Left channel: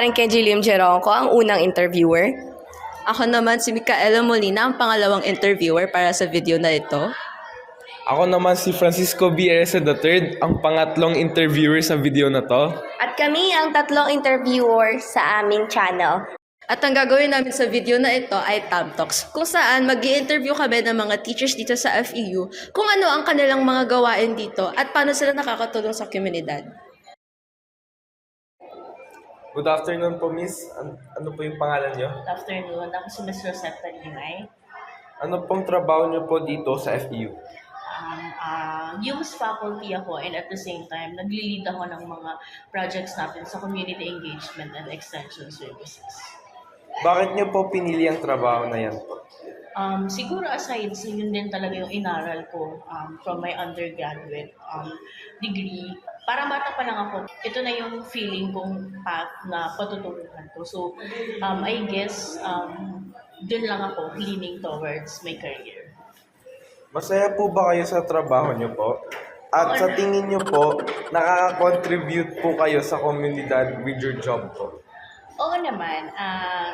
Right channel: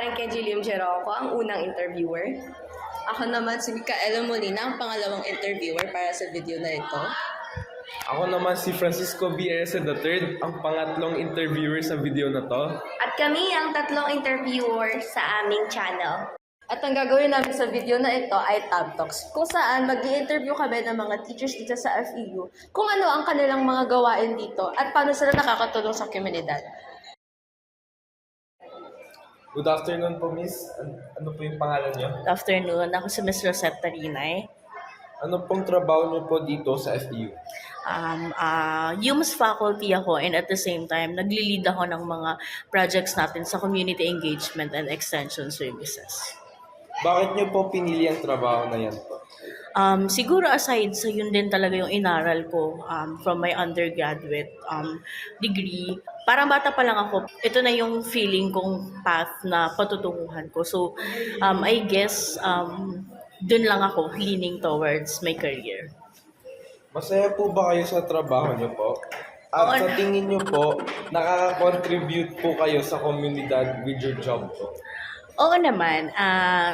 Karen Kenji Lim Jeronco, ang unang interviewer. Ako naman si Micaela Molina, ang pangalawang interviewer para sa video na ito. Ako naman si Francisco B. Erese III, ang pangatlong interviewer sa video na to. At kami ang tatlong interviewer sa aming channel. At ang gagawin namin sa video na ito ay Tab Talks, kung saan mag-i-interview kami ng mga teachers dito sa FEU kung ano ang kanilang mga gawain dito at paano sila nakakatulong sa komunidad. Good afternoon po, Miss. Ano po yung pangalan niyo? Good afternoon. Ako si Ms. Rosetta Rinay. Ano pong trabaho niyo po dito sa FEU? UMS faculty ako, and at the same time, nagli-lead ako ng mga projects natin sa community engagement and extension services. Bakit niyo po pinili ang trabaho na yan po? Siguro aside sa yun din talaga yung inaral ko from my undergraduate degree. Parang bata pa lang ako, ito na yung feeling kong path na patutunguhan ko. So, I guess, dun lang ako leaning towards my career. Masaya po ba kayo sa trabaho niyo po? At sa tingin niyo po, nakaka-contribute po kayo sa komunidad with your job po? Oo naman.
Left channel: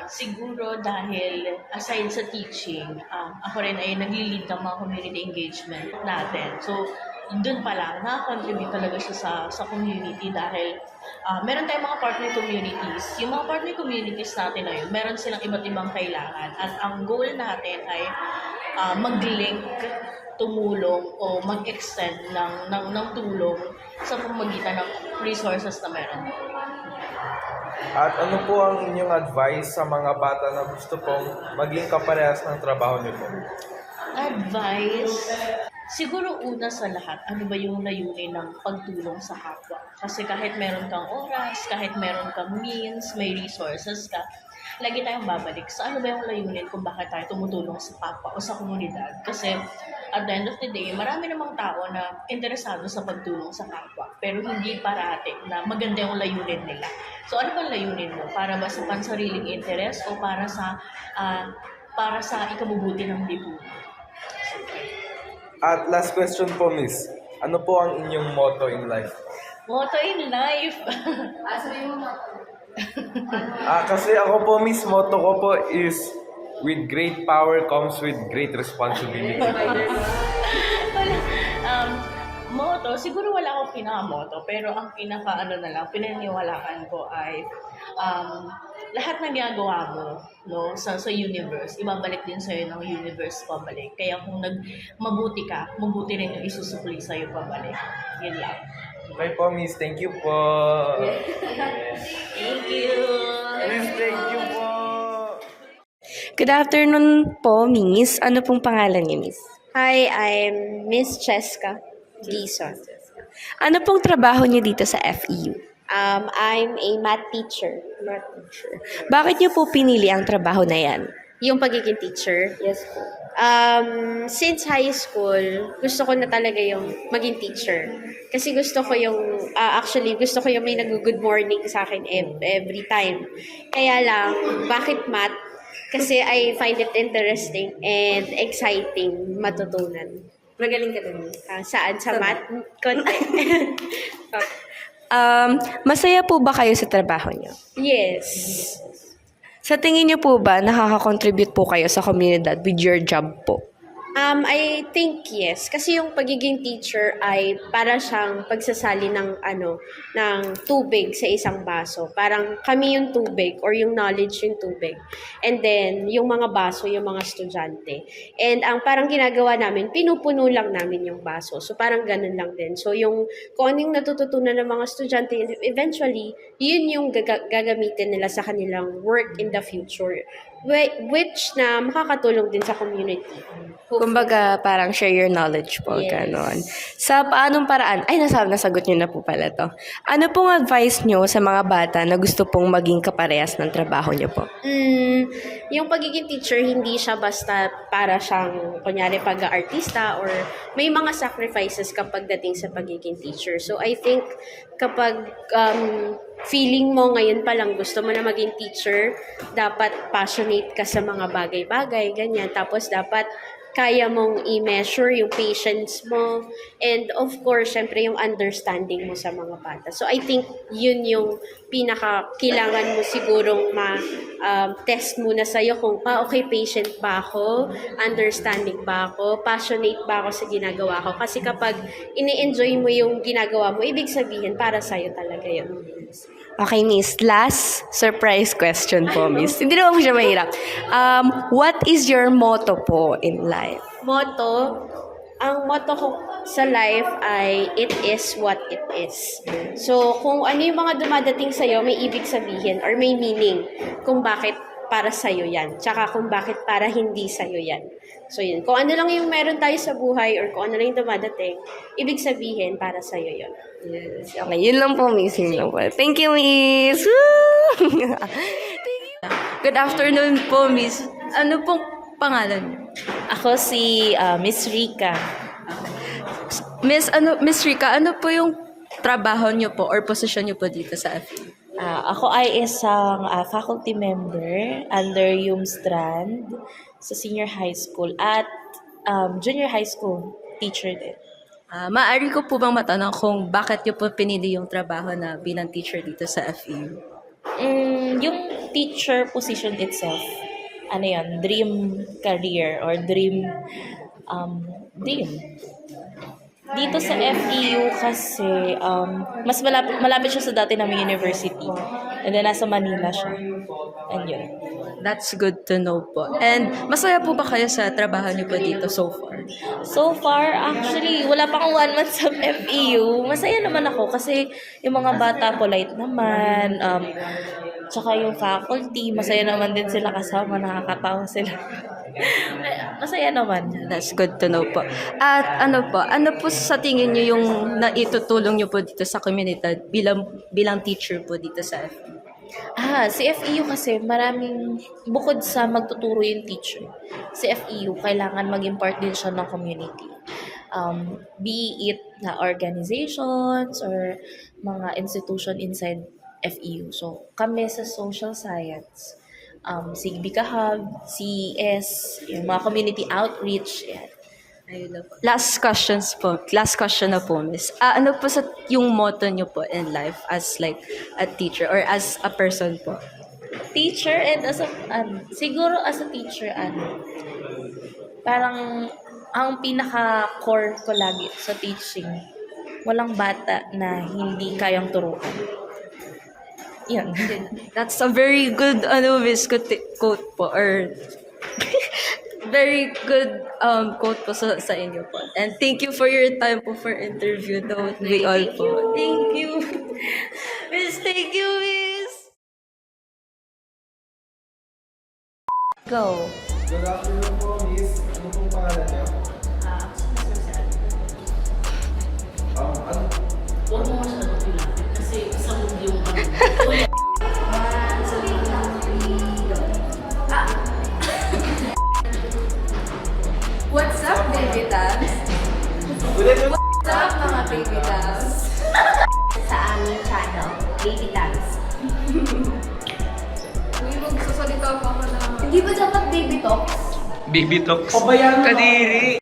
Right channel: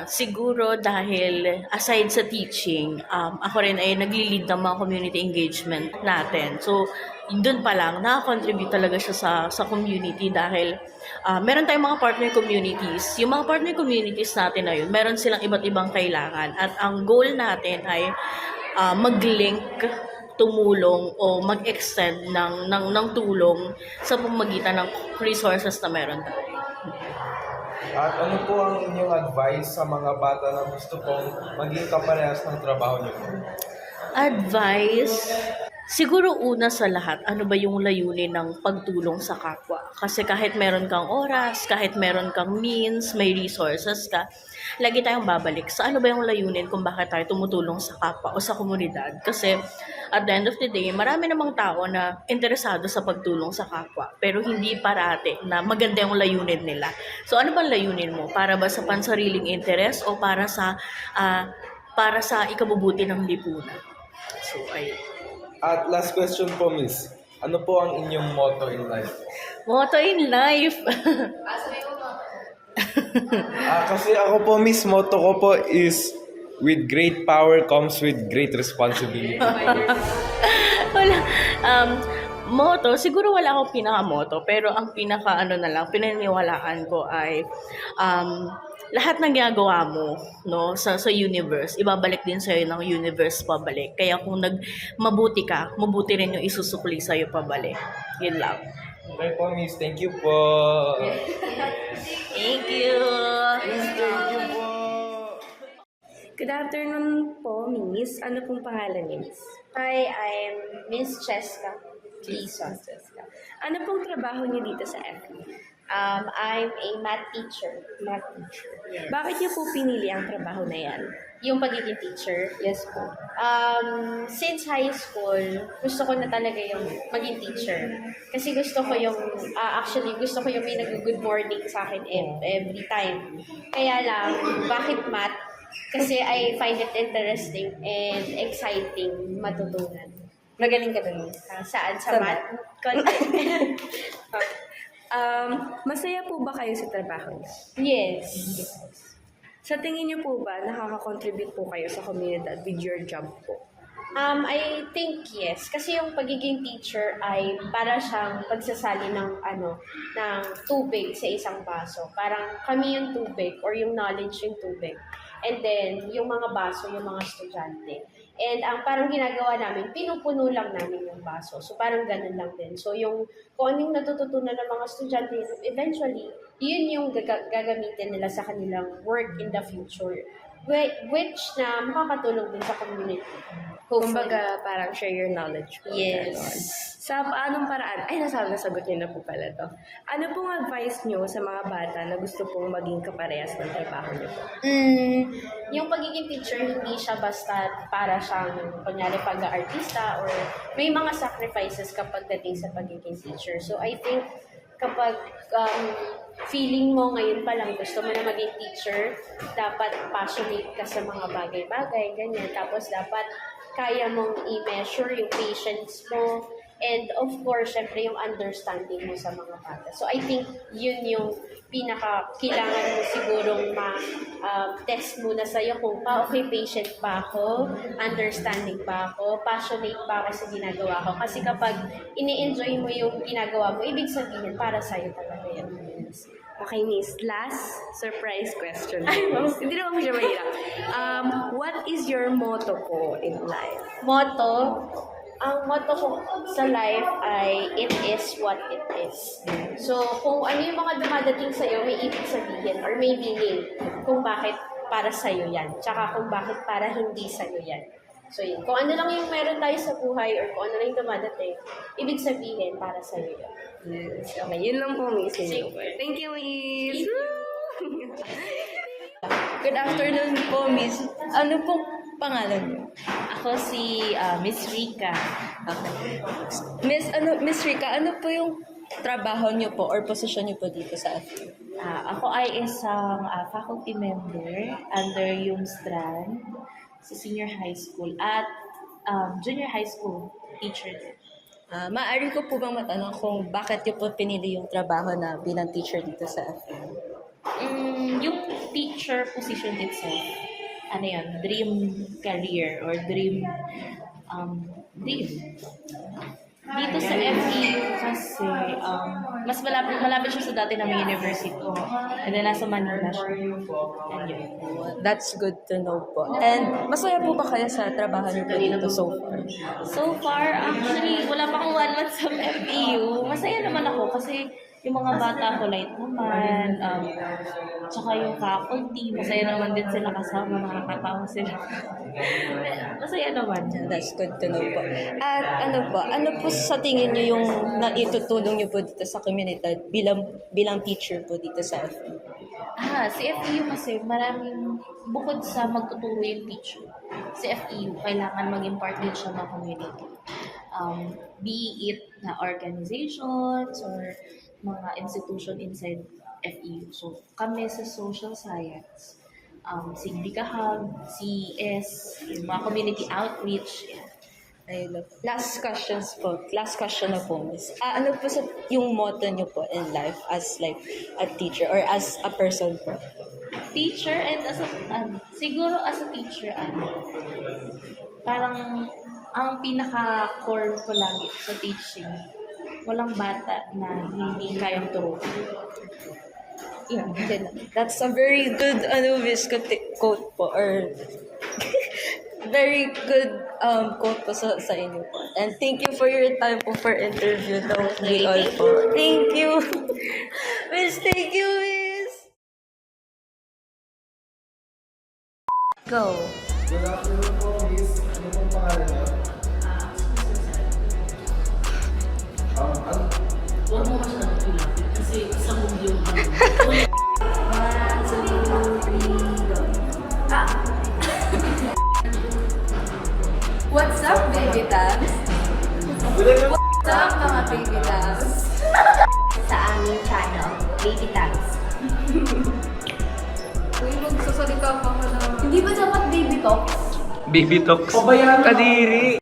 Siguro dahil aside sa teaching, ako rin ay nagli-lead ng mga community engagement natin. So, doon pa lang, nakakontribute talaga siya sa community dahil meron tayong mga partner communities. Yung mga partner communities natin na yun, meron silang iba't ibang kailangan. At ang goal natin ay mag-link, tumulong o mag-extend ng tulong sa pamamagitan ng resources na meron tayo. At ano po ang inyong advice sa mga bata na gusto pong maging kaparehas ng trabaho niyo po? Advice? Siguro una sa lahat, ano ba yung layunin ng pagtulong sa kapwa? Kasi kahit meron kang oras, kahit meron kang means, may resources ka, lagi tayong babalik sa ano ba yung layunin kung bakit tayo tumutulong sa kapwa o sa komunidad. Kasi at the end of the day, marami namang tao na interesado sa pagtulong sa kapwa, pero hindi parate na maganda yung layunin nila. So ano ba layunin mo? Para ba sa pansariling interes o para sa ikabubuti ng lipunan? So, At last question po, Miss. Ano po ang inyong motto in life? Motto in life. Kasi ako po, Miss, motto ko po is with great power comes with great responsibility. Wala. Motto, siguro wala akong pinaka-motto, pero ang pinaniniwalaan ko ay lahat ng ginagawa mo, no, sa universe, ibabalik din sa'yo ng universe pabalik. Kaya kung mabuti ka, mabuti rin yung isusukli sa'yo pabalik. Yun lang. Okay po, Miss. Thank you po. Thank you. Miss, thank you po. Good afternoon po, Miss. Ano pong pangalan niyo, Miss? Hi, I'm Miss Cheska Gison. Ano pong trabaho niyo dito sa FEU? I'm a math teacher. Bakit niyo po pinili ang trabaho na yan? Yung pagiging teacher? Yes po. Since high school, gusto ko na talaga yung maging teacher. Kasi gusto ko yung, gusto ko yung may nag-good morning sa akin every time. Kaya lang, bakit math? Kasi I find it interesting and exciting matutunan. Magaling ka doon. Saan? Sa math? Konti. Masaya po ba kayo sa trabaho niyo? Yes. Sa tingin niyo po ba nakaka-contribute po kayo sa komunidad with your job po? I think yes. Kasi yung pagiging teacher ay para siyang pagsasali ng tubig sa isang baso. Parang kami yung tubig or yung knowledge yung tubig. And then, yung mga baso, yung mga estudyante. And ang parang ginagawa namin, pinupuno lang namin yung baso. So parang ganun lang din. So kung anong natututunan ng mga estudyante, eventually, yun yung gagamitin nila sa kanilang work in the future. Which na makakatulong din sa community. Kumbaga, parang share your knowledge po, Yes. ganon. Sa paanong paraan, nasagot niyo na po pala to. Ano pong advice niyo sa mga bata na gusto pong maging kaparehas ng trabaho niyo po? Yung pagiging teacher, hindi siya basta para siyang, kunyari, pag-artista or may mga sacrifices kapag dating sa pagiging teacher. So, I think kapag feeling mo ngayon pa lang gusto mo na maging teacher, dapat passionate ka sa mga bagay-bagay, ganyan. Tapos dapat kaya mong i-measure yung patience mo, and of course, syempre yung understanding mo sa mga bata. So I think yun yung kailangan mo sigurong test muna sa'yo kung, okay, patient ba ako, understanding ba ako, passionate ba ako sa ginagawa ko. Kasi kapag ini-enjoy mo yung ginagawa mo, ibig sabihin para sa'yo talaga yun. Okay, Miss. Last surprise question po, Miss. Hindi naman po siya mahirap. What is your motto po in life? Motto, ang motto ko sa life ay, it is what it is. So, kung ano yung mga dumadating sa'yo, may ibig sabihin or may meaning kung bakit para sa'yo yan. Tsaka kung bakit para hindi sa'yo yan. So, yun. Kung ano lang yung meron tayo sa buhay or kung ano lang yung dumadating, ibig sabihin para sa'yo yun. Yes. Okay, yun lang po, Miss. Yun lang po. Thank you, Miss. Woo! Good afternoon po, Miss. Ano pong pangalan niyo? Ako si Miss Rica. Miss Rika, ano po yung trabaho niyo po or posisyon niyo po dito sa FEU? Ako ay isang faculty member under Strand sa senior high school at junior high school teacher din. Maaari ko po bang matanong kung bakit niyo po pinili yung trabaho na bilang teacher dito sa FEU? Yung teacher position itself, ano yan, dream career or dream. Dito sa FEU kasi mas malapit siya sa dati naming university. And then nasa Manila siya. And yun. That's good to know po. And masaya po ba kayo sa trabaho niyo po dito so far? So far, actually, wala pa akong 1 month sa FEU. Masaya naman ako kasi yung mga bata polite naman. Tsaka yung faculty, masaya naman din sila kasama. Nakakatawa sila. Masaya naman. That's good to know po. At ano po sa tingin niyo yung naitutulong niyo po dito sa komunidad bilang teacher po dito sa FEU? Si FEU kasi maraming, bukod sa magtuturo yung teacher, si FEU kailangan maging part din siya ng community. Be it na organizations or mga institution inside FEU. So, kami sa social science, si Bika Hub, CES, yung mga community outreach, yan. Ayun na po. Last question na po, Miss. Ano po yung motto niyo po in life as like a teacher or as a person po? Teacher and as a, siguro as a teacher, parang ang pinaka-core ko lagi sa teaching, walang bata na hindi kayang turuan. Yan. That's a very good Miss quote po or very good quote po sa inyo po. And thank you for your time po for interview though. We all po. Thank you. Miss, thank you, Miss. Go. Good afternoon po, Miss. Ano pong pangalan niyo? Huwag mo masyadong pinapit kasi sa mundo yung What's up, baby tabs? What's up, mga baby tabs? Sa aming channel, Baby Tabs. Uy, magsasalita pa ako na. Hindi ba dapat baby talk? Baby talks. Kadiri.